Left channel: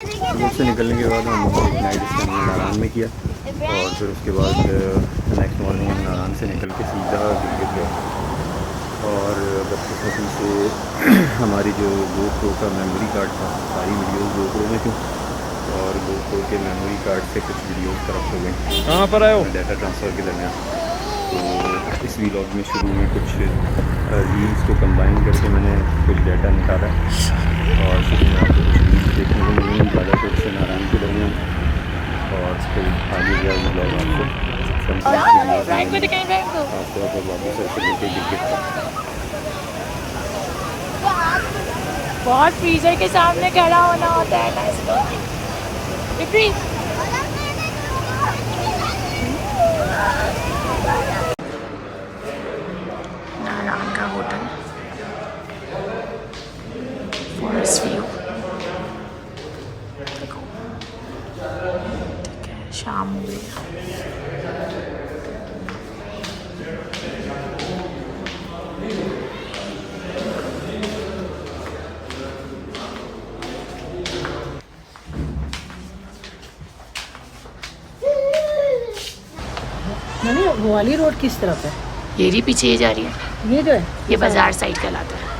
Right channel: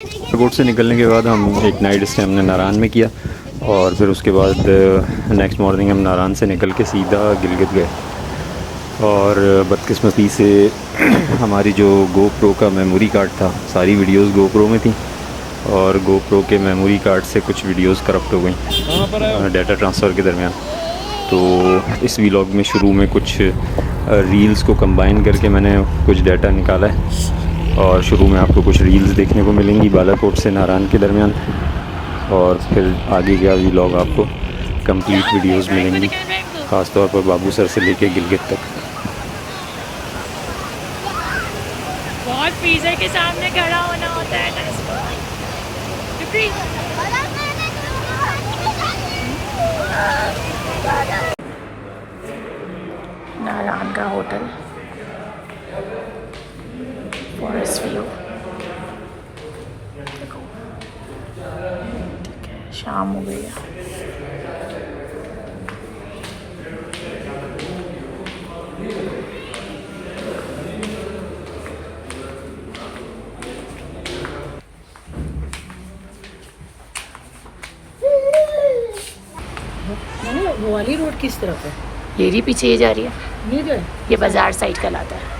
Airport से निकलने के बाद हम एक नाइट स्टे हमने नारायण में किया और फिर उसके बाद नेक्स्ट मॉर्निंग हम नारायण से निकल के सीधा गिलगित गए। और बदकिस्मती से हमारी जो गोप्रो का मेमोरी कार्ड था, सारी वीडियोस गोप्रो में थी और गोप्रो के मेमोरी कार्ड से कुछ वीडियोस करप्ट हो गई। कहाँ पर आए हो? डाटा ट्रांसफ़र के दरमियान। तो इस व्लॉग में शुरू में कुछ रील्स को कंबाइन करके मैंने कुछ डाटा निकाला है और शुरू में आपको कुछ रील्स देखने को मिलेंगी बालाकोट से नारायण के दरमियान, और फिर आगे का व्लॉग आपको कंप्लीट वीडियोस मिलेंगी, ख़ास तौर पर बाबूसर से लेके गिलगित तक। बहुत फ्रीजर के सामने खड़ा होना होता है ना इसको। नारायण का होटल, फॉरेस्ट व्यू। देखो ठीक है, शाम हो गई है। वो वाली रोड किस तरफ है? ये रही पीछे, ये जा रही है, ये जो है ये बाजार साइड कहलाता है।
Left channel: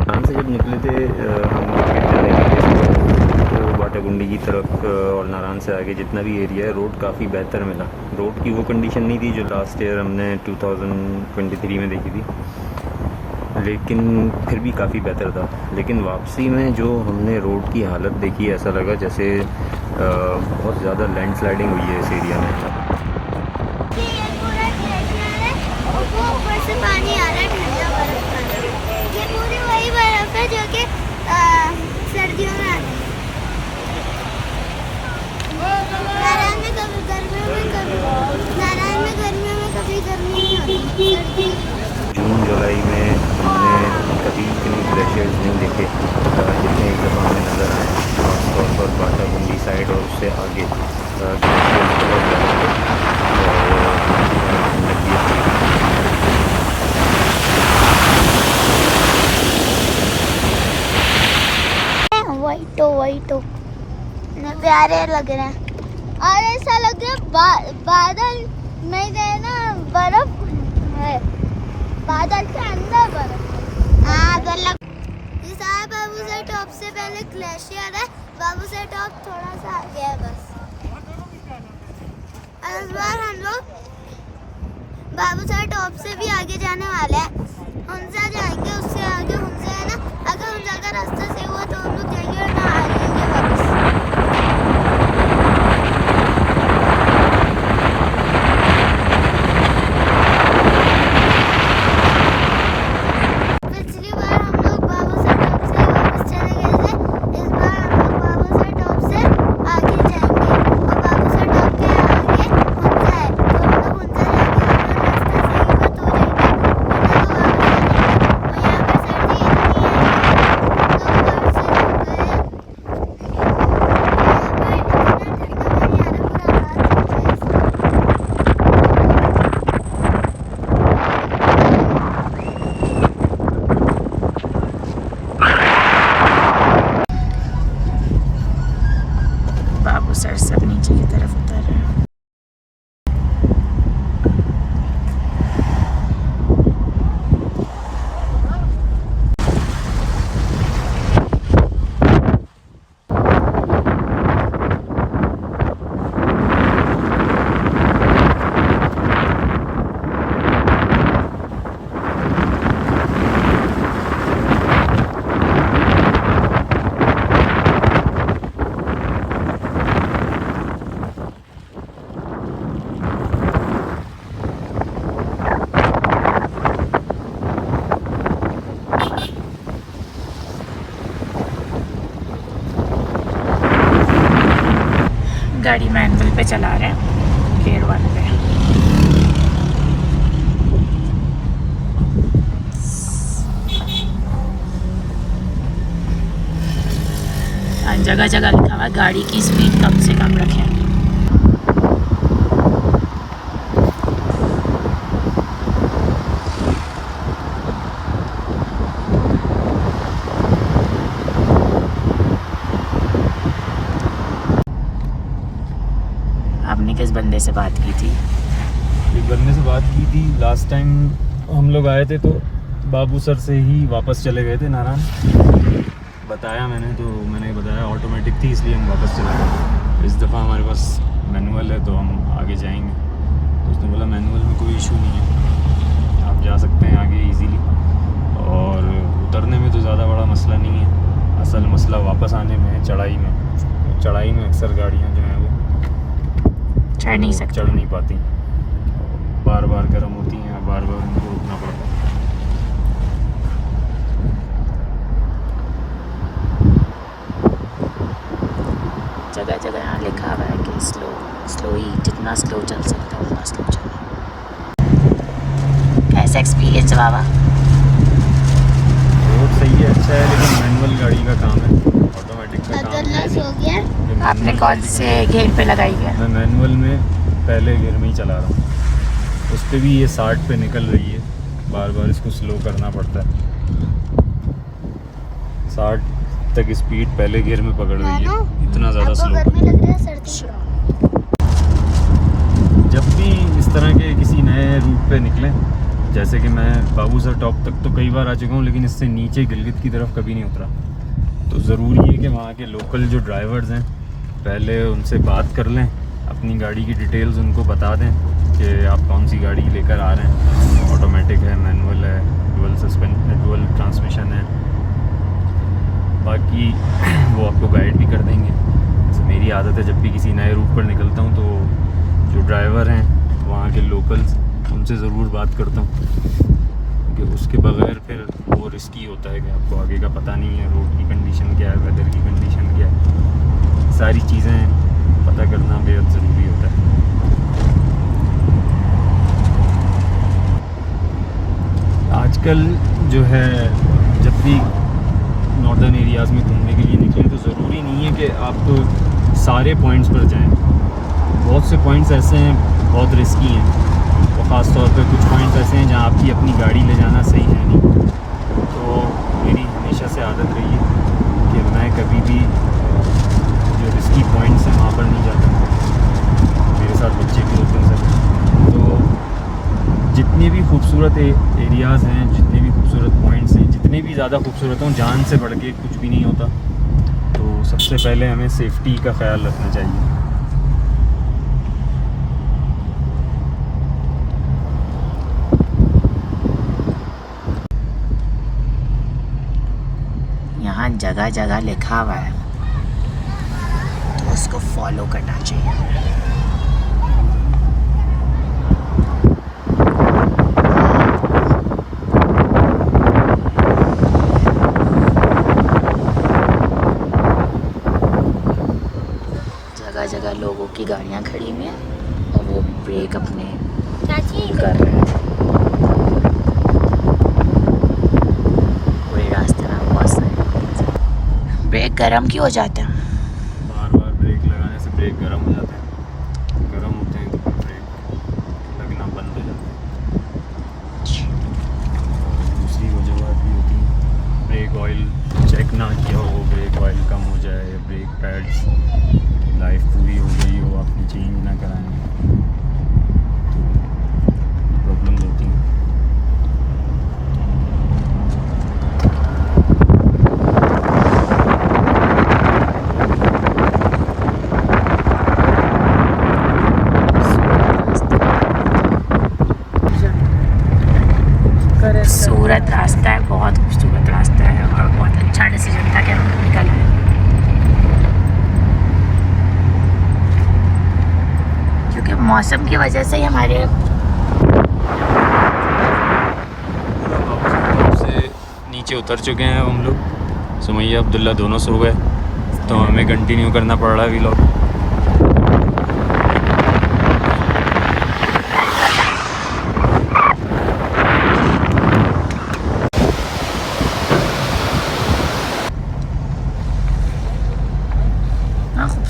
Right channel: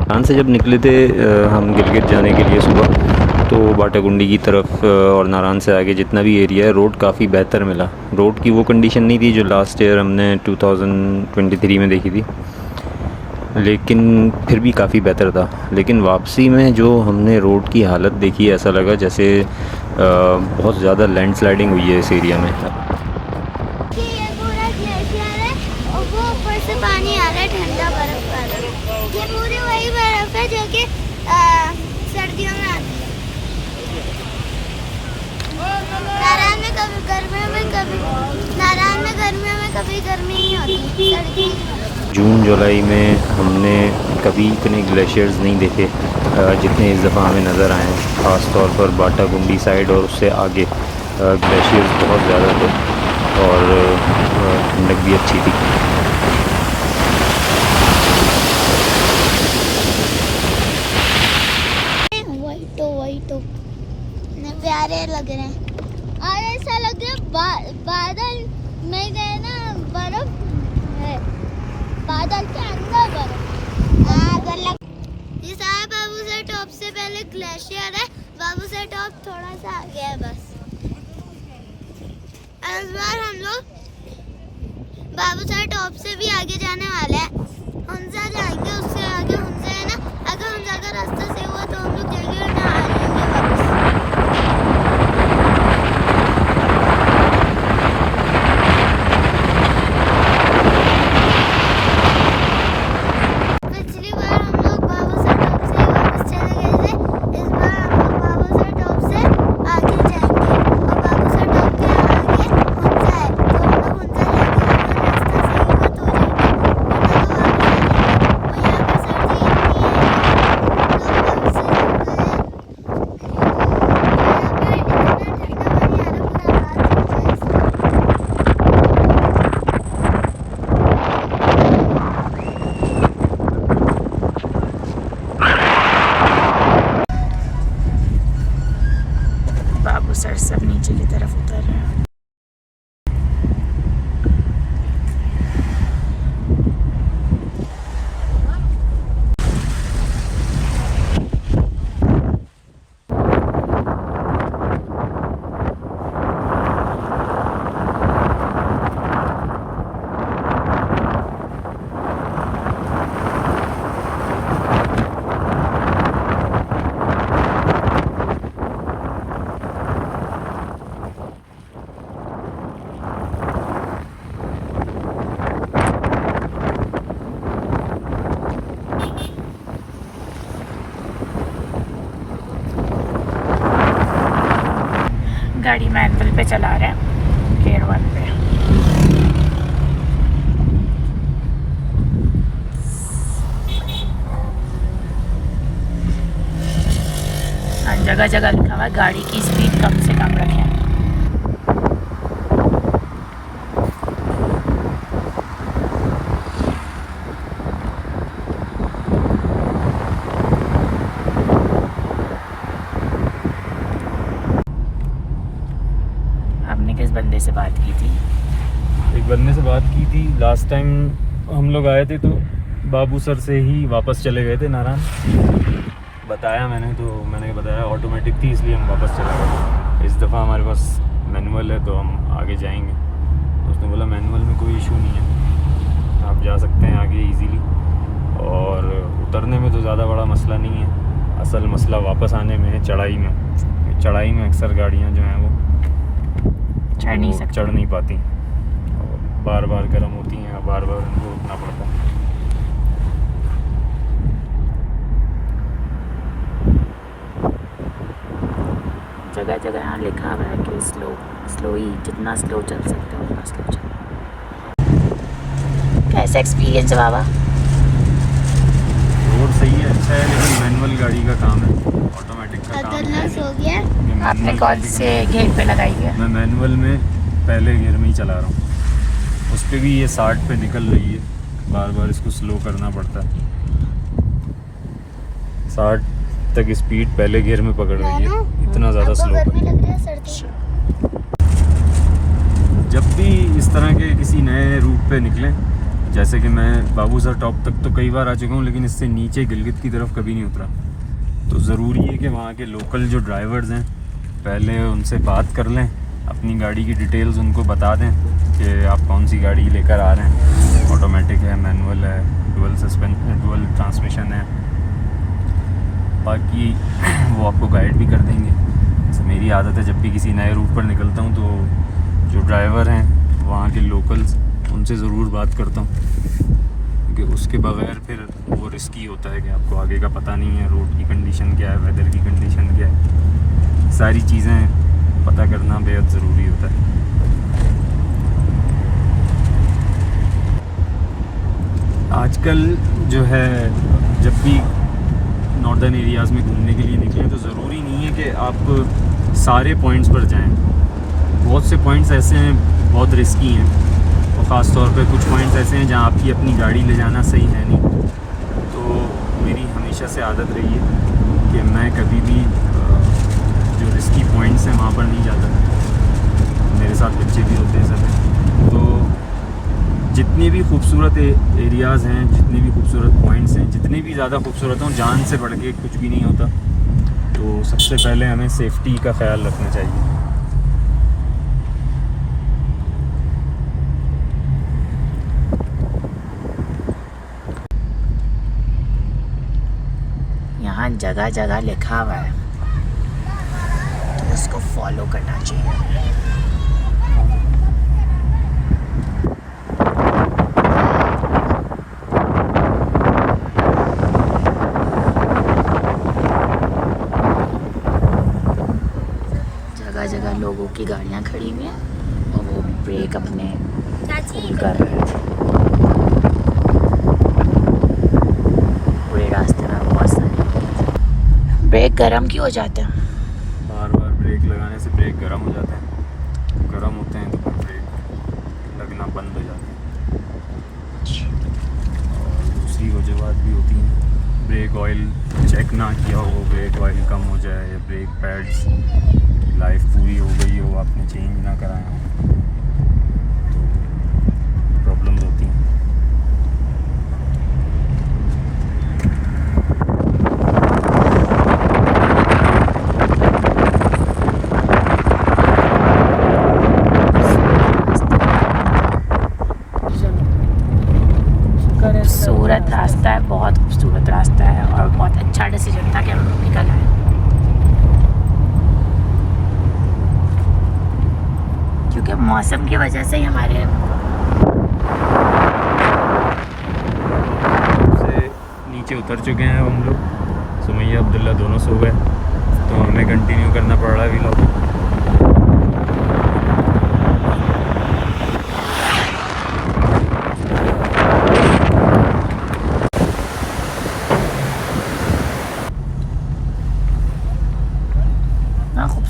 नारायण से जब निकले थे हम गिलगित जाने के लिए सुबह, तो बाटागुंडी की तरफ और नारायण से आगे जितना भी एरिया है, रोड काफ़ी बेहतर मिला। रोड की वो कंडीशन नहीं थी जो लास्ट ईयर हमने 2023 में देखी थी, लेकिन फिर भी काफ़ी बेहतर था। लेकिन वापसी में जो हमने रोड की हालत देखी, ऐसा लगा जैसे बहुत ज़्यादा लैंडस्लाइडिंग हुई है इस एरिया में। से पानी आ रहा है, ठंडा बर्फ का। ये पूरी वही बर्फ है जो कि सर्दियों में आती है। नारायण में कभी गर्मियों में कभी गर्मी नहीं होती, सर्दी। जून जुलाई में हमने कभी इतने ग्लेशियर्स नहीं देखे जितने इस दफ़ा हमें नज़र आए हैं। ख़ास तौर पर बाटागुंडी साइड और उससे आगे ग्लेशियर्स बहुत ज़्यादा थे और ठंडक भी अच्छी थी। वही तो प्यारे लग रहे हैं और ऐसा लग रहा है बादल में गए ना, बर्फ है बादल के अंदर बर्फ। ये सारा बाबूसर टॉप से पहले ग्लेशियर है, बाबूसर टॉप थोड़ा सा आगे है बस। इस बार हम लोग बाबूसर टॉप से भी आगे जाने वाले हैं, हुंजा जाएंगे, उससे आगे हुंजा है ना। अगर हुंजा का रास्ता से हुआ तो हम लोग जाएंगे और ना आ जाएंगे वापस। पिछली बार हम लोग बाबूसर टॉप से ही वापस चले गए थे, इस बार हम लोग बाबूसर टॉप से आगे जाएंगे और बाबूसर टॉप के आगे हुंजा है, तो हम लोग हुंजा जाएंगे। अगर रास्ता सही हुआ तो जाएंगे, वरना तो वापस आ जाएंगे। और यहाँ पे गाड़ी मैनुअल पे चला रहे हैं, गियर 1 पे। जगह जगह लिखा हुआ है गाड़ी की स्पीड कम से कम रखें। आपने किस बंदे से बात की थी? एक बंदे से बात की थी लास्ट टाइम हम लोग आए थे, तो बाबू सर से ही वापस चले गए थे नारायण। बताया मैंने बताया ऑटोमेटिक थी इसलिए हम वापस चले गए। इस दफ़ा हमारे पास मैनुअल है तो हम आगे जाएंगे। तो उसने बोला मैनुअल में कोई इशू नहीं है, आप जा सकते हैं आगे इजीली, और उतरने में तो ज़्यादा बड़ा मसला नहीं है। असल मसला वापस आने में है, चढ़ाई में। चढ़ाई में अक्सर गाड़ियाँ जो हैं वो चढ़ नहीं पाती, बार बार गर्म होती हैं, बार बार उनको रुकना पड़ता है। जगह जगह यहाँ लिखा हुआ है कि स्लो ही, जितना स्लो चल सकते हो उतना स्लो चलना। कैसा एक्सपीरियंस है बाबा? रोड सही है, अच्छा है, लेकिन मैनुअल गाड़ी का काम है, ऑटोमेटिक का काम हो गया। है। आपने कौन से गियर पे लगाई है? मैं मैनुअल में पहले गियर में ही चला रहा हूँ। उस पर भी ये 60 पे निकल रही है, बार बार इसको स्लो करना पड़ता है। 60 तक स्पीड पहले गियर में पकड़ रही है, इतना ज़्यादा स्लो। गर्मी लग रही है, सर्दी। जब भी इस तरह के किसी नए रूट पे निकलें, जैसे कि मैं बाबू सर टॉप तक तो कई बार आ चुका हूँ, लेकिन इससे नीचे गिलगित की तरफ कभी नहीं उतरा, तो ज़रूरी है कि वहाँ के लोकल जो ड्राइवर्स हैं पहले उनसे बात कर लें, अपनी गाड़ी की डिटेल्स उनको बता दें कि आप कौन सी गाड़ी लेकर आ रहे हैं, ऑटोमेटिक है, मैनुअल है, डुअल ट्रांसमिशन है। बाकी वो आपको गाइड भी कर देंगे। जैसे मेरी आदत है, जब भी किसी नए रूट पर निकलता हूँ तो जो ड्राइवर हैं वहाँ के लोकल्स, उनसे ज़रूर बात करता हूँ, क्योंकि उसके बगैर फिर वो रिस्की होता है कि आपको आगे का पता नहीं है, रोड की कंडीशन क्या है, वेदर की कंडीशन क्या है, सारी चीज़ें पता करना बेहद ज़रूरी होता है। आजकल जो है, जब भी नॉर्दर्न एरियाज़ में घूमने के लिए निकलें तो ज़रूरी नहीं है कि आप सारे पॉइंट्स पर जाएं। बहुत से पॉइंट्स ऐसे हैं बहुत रिस्की हैं, और ख़ास तौर पे कुछ पॉइंट्स ऐसे हैं जहां आपकी अपनी गाड़ी ले जाना सही है नहीं। तो मेरी हमेशा से आदत रही है कि मैं कभी भी जो रिस्की पॉइंट्स हैं वहाँ पर नहीं जाता। मेरे साथ बच्चे भी होते हैं सब। तो जितनी भी खूबसूरत एरियाज़ हैं, जितने भी खूबसूरत पॉइंट्स हैं, जितने भी ज़्यादा खूबसूरत हों, जान से बढ़ के कुछ भी नहीं होता। तो सबसे पहले हमें सेफ्टी का ख्याल रखना चाहिए। यहाँ जगह जगह लिखा हुआ है तो उसको फॉलो करना चाहिए। जगह जगह लोगों की गाड़ियाँ खड़ी हुई हैं और वो ब्रेक अपने फुल कर रहे हैं। पूरे रास्ते में बहुत सारे ब्रेक गर्म क्यों हो जाते हैं? बार बार ब्रेक लगाने से ब्रेक गर्म हो जाता है, गर्म होते हैं तो फिर ब्रेक लगना बंद हो जाता है। दूसरी वजह भी होती है, ब्रेक ऑयल चेक ना किया हो, ब्रेक ऑयल कम हो जाए, ब्रेक पैड्स की लाइफ पूरी हो गई हो, आपने चेंज ना कराना, प्रॉब्लम होती है। खूबसूरत रास्ता है, बहुत खूबसूरत रास्ता है और बहुत अच्छा डिसीजन था कि हम निकल आए, क्योंकि मौसम की वजह से ही हमारे से नीचे उतर चुके हैं हम लोग। सुमैया अब्दुल्ला दोनों सो गए, तो हमें कंटिन्यू करना पड़ रहा है व्लॉग।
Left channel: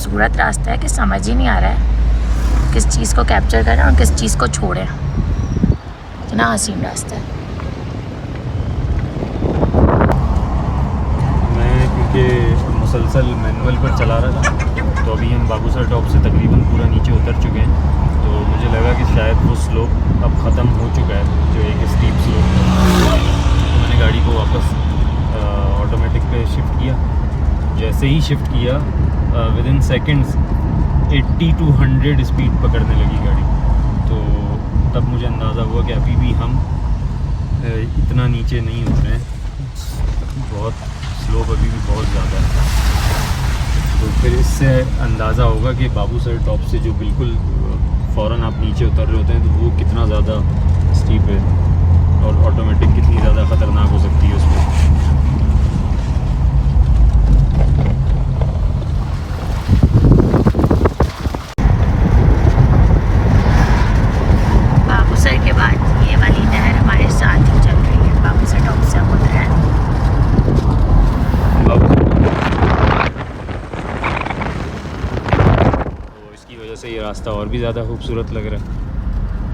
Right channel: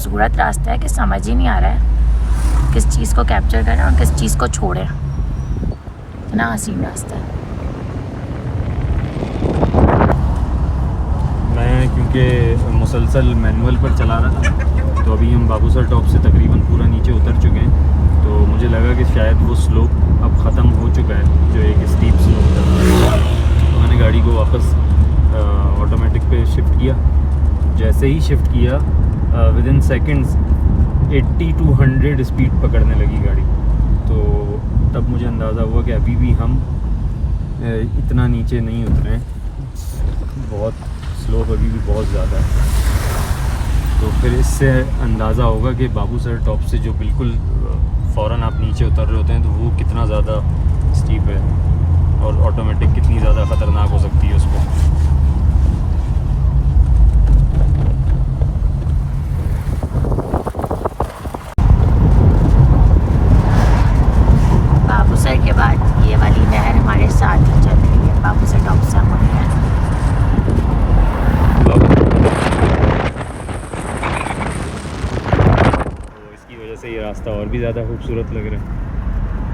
खूबसूरत रास्ता है कि समझ ही नहीं आ रहा है किस चीज़ को कैप्चर करें और किस चीज़ को छोड़ें। इतना हसीन रास्ता है। मैं क्योंकि मुसलसल मैनुअल पर चला रहा था, तो अभी हम बाबूसर टॉप से तकरीबन पूरा नीचे उतर चुके हैं, तो मुझे लगा कि शायद वो स्लोप अब ख़त्म हो चुका है जो एक स्टीप स्लोप था। तो मैंने गाड़ी को वापस ऑटोमेटिक पे शिफ्ट किया। जैसे ही शिफ्ट किया with in seconds 80 to 100 speed पकड़ने लगी गाड़ी। तो तब मुझे अंदाज़ा हुआ कि अभी भी हम इतना नीचे नहीं उतरे हैं, बहुत स्लोप अभी भी बहुत ज़्यादा है। तो फिर इससे अंदाज़ा होगा कि बाबूसर टॉप से जो बिल्कुल फ़ौरन आप नीचे उतर रहे होते हैं तो वो कितना ज़्यादा स्टीप है और ऑटोमेटिक कितनी ज़्यादा ख़तरनाक हो सकती है उसमें। बाबूसर के बाद ये वाली नहर हमारे साथ ही चल रही है। बाबूसर टॉप से हम उतरे हैं। तो इसकी वजह से ये रास्ता और भी ज़्यादा खूबसूरत लग रहा है।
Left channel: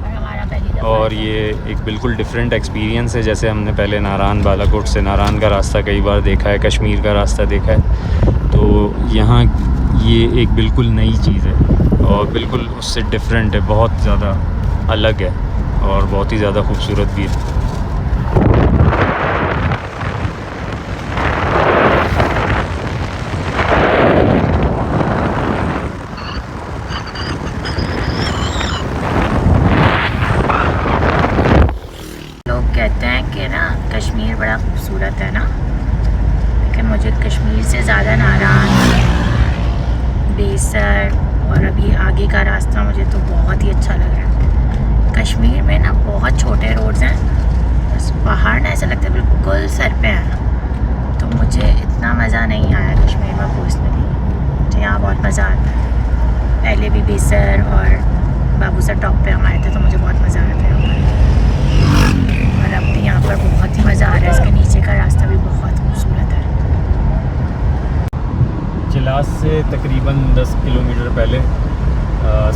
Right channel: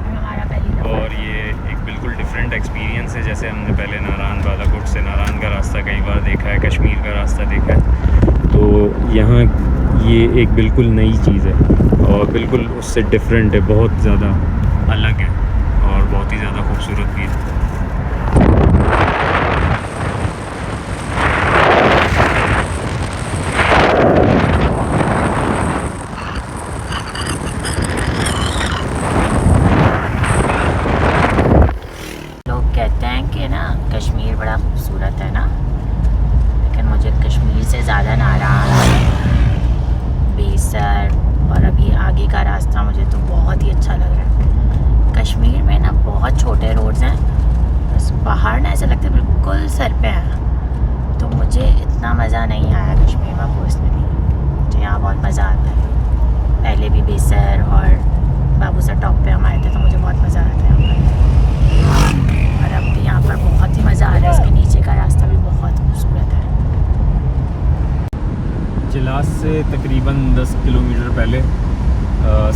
और हमारा पहली दफ़ा और ये एक बिल्कुल डिफरेंट एक्सपीरियंस है। जैसे हमने पहले नारायण बालाकोट से नारायण का रास्ता कई बार देखा है, कश्मीर का रास्ता देखा है, तो यहाँ ये एक बिल्कुल नई चीज़ है और बिल्कुल उससे डिफरेंट है, बहुत ज़्यादा अलग है और बहुत ही ज़्यादा खूबसूरत भी है। लोग कहते हैं कि ना कश्मीर बड़ा खूबसूरत है ना, लेकिन मुझे कश्मीर से ज़्यादा नारायण, बेसर और अभी आगे का रास्ता मुझे तो बहुत ही अच्छा लग रहा है। कश्मीर में ना बहुत छोटे रोड्स हैं, बस पहाड़ ना ऐसा लगता है बिल्कुल सर पे है। तो मुझे इतना मज़ा नहीं आया कश्मीर में पर्सनली। मुझे यहाँ बहुत मज़ा आता है। पहले भी बेसर और बाबूसर टॉप पे हम आए थे तो मुझे बहुत मज़ा आया था यहाँ पर, और अब भी यहाँ पर बहुत ही मज़ा आ रहा है। इसके नीचे का रास्ता भी बहुत खूबसूरत है। चिलास से तकरीबन 10 किलोमीटर पहले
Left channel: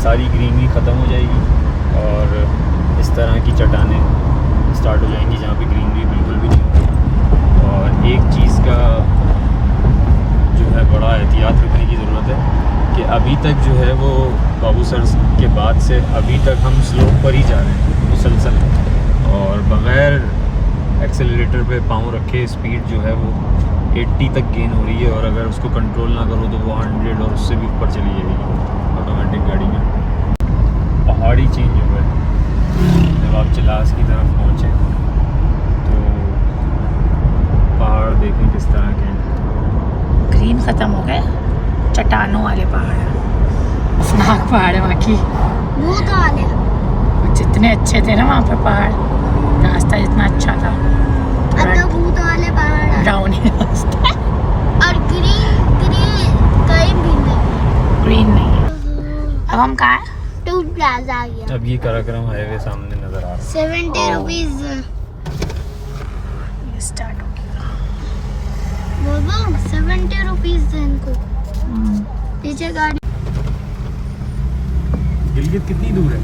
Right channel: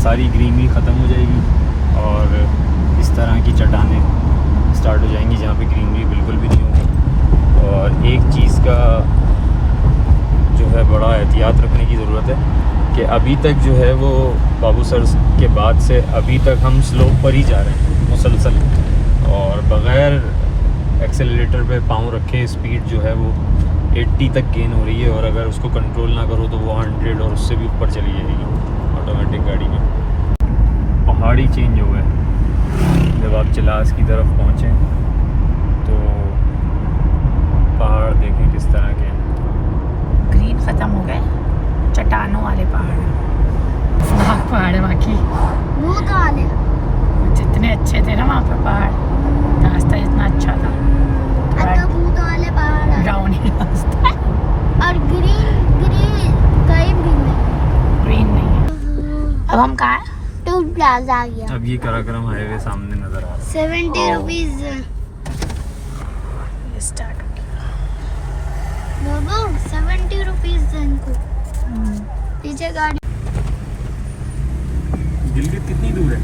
सारी ग्रीनरी ख़त्म हो जाएगी और इस तरह की चट्टानें स्टार्ट हो जाएंगी जहाँ पे ग्रीनरी बिल्कुल भी नहीं होती। और एक चीज़ का जो है बड़ा एहतियात रखने की ज़रूरत है कि अभी तक जो है वो बाबूसर के बाद से अभी तक हम स्लोप पर ही जा रहे हैं मुसलसल, और बग़ैर एक्सेलरेटर पे पाँव रखे स्पीड जो है वो 80 तक गेन हो रही है। और अगर उसको कंट्रोल ना करो तो वो 100 और उससे भी ऊपर चली जाएगी ऑटोमेटिक गाड़ी में। पहाड़ी चेंज हो गए जब आप चिलास की तरफ पहुँचे, तो पहाड़ देखें किस तरह के हैं। ग्रीन ख़त्म हो गए, चट्टानों वाले पहाड़ हैं। खतरनाक पहाड़ है वहाँ की। भूत वाले और जितने अच्छे थे ना वहाँ पर पहाड़, रास्ता जितना अच्छा था, अब तो भूत वाले पहाड़ हैं। ब्राउन ही रास्ता, और ग्रीन ग्रीन कहीं भी नहीं। ग्रीन नहीं है। अब हम कहाँ हैं? टूल प्लाजा आ गया। अब ये कराक्रम हाईवे सामने नज़र आ रहा है। 70 रुपीज। ये स्टार्ट हो गया। बोलो 70 रुपीज था इनको। पीछे गाड़ी। गिलगित कितनी दूर है?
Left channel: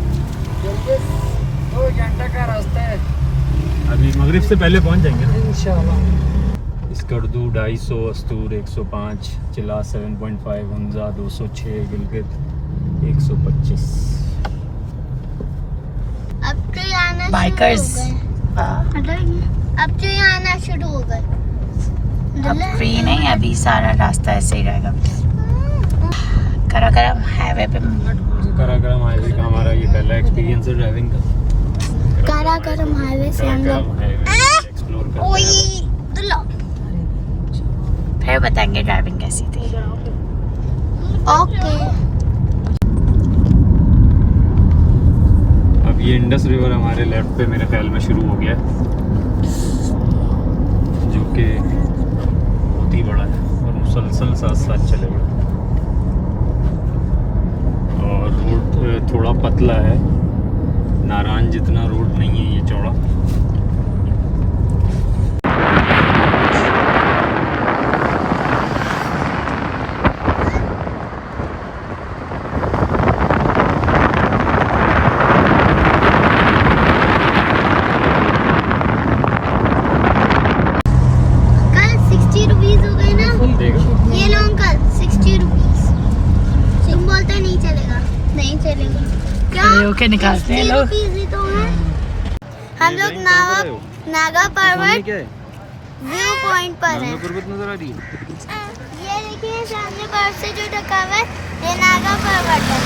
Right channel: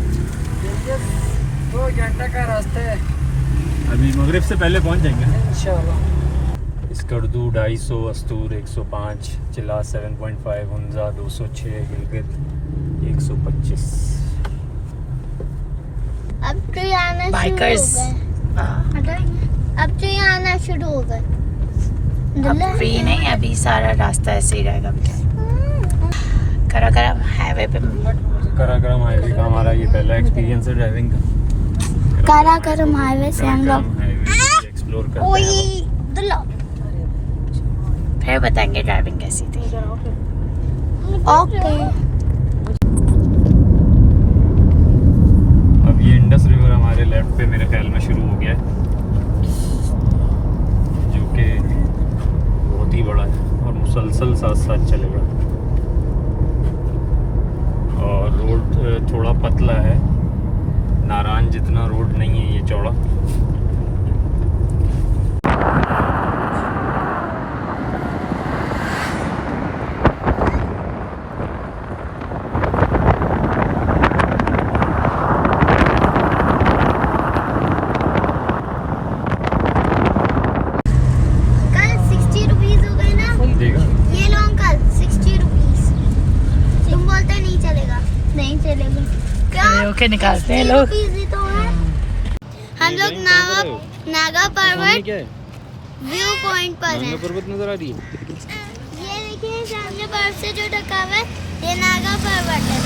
2 घंटा का रास्ता है अभी मगरिब से पहले पहुंच जाएंगे इंशाल्लाह। स्कर्दू 250, अस्तूर 105, चिला 7.5, हमजा 206, गिलगित 125। अब तो ये आना बाइकर्स अब तो ये आना शुरू हो गए। अब फ्री नहीं है, अभी सारा रास्ता ऐसे ही रहेगा बेटा। कराकरम हाईवे पे कराक्रम हाईवे का हमारा ये पहला एक्सपीरियंस है ड्राइविंग का। कराकरम हाईवे से हम कराक्रम लोग हाईवे एक्सप्लोर करते हैं। फिर बताएंगे ड्राइविंग कैसी थी। ओके। अब ये इंडस रिवर हमारे लेफ्ट पे मेरे ख्याल में शुरू हो गया है, जो कि बहुत ही बड़ा है और मुसलसल साथ साथ चलेगा। और रोड थोड़ा पतला है, नारायण जितना रोड नहीं है ये चौड़ा। के निकालते हैं लोग। ही तो है। हम लोग नागा पर्वत व्यू पॉइंट पर हैं। पर्वत नजर आ रही है। ये देखिए सामने बर्फ से जो ढका हुआ है ये नागा पर्वत है।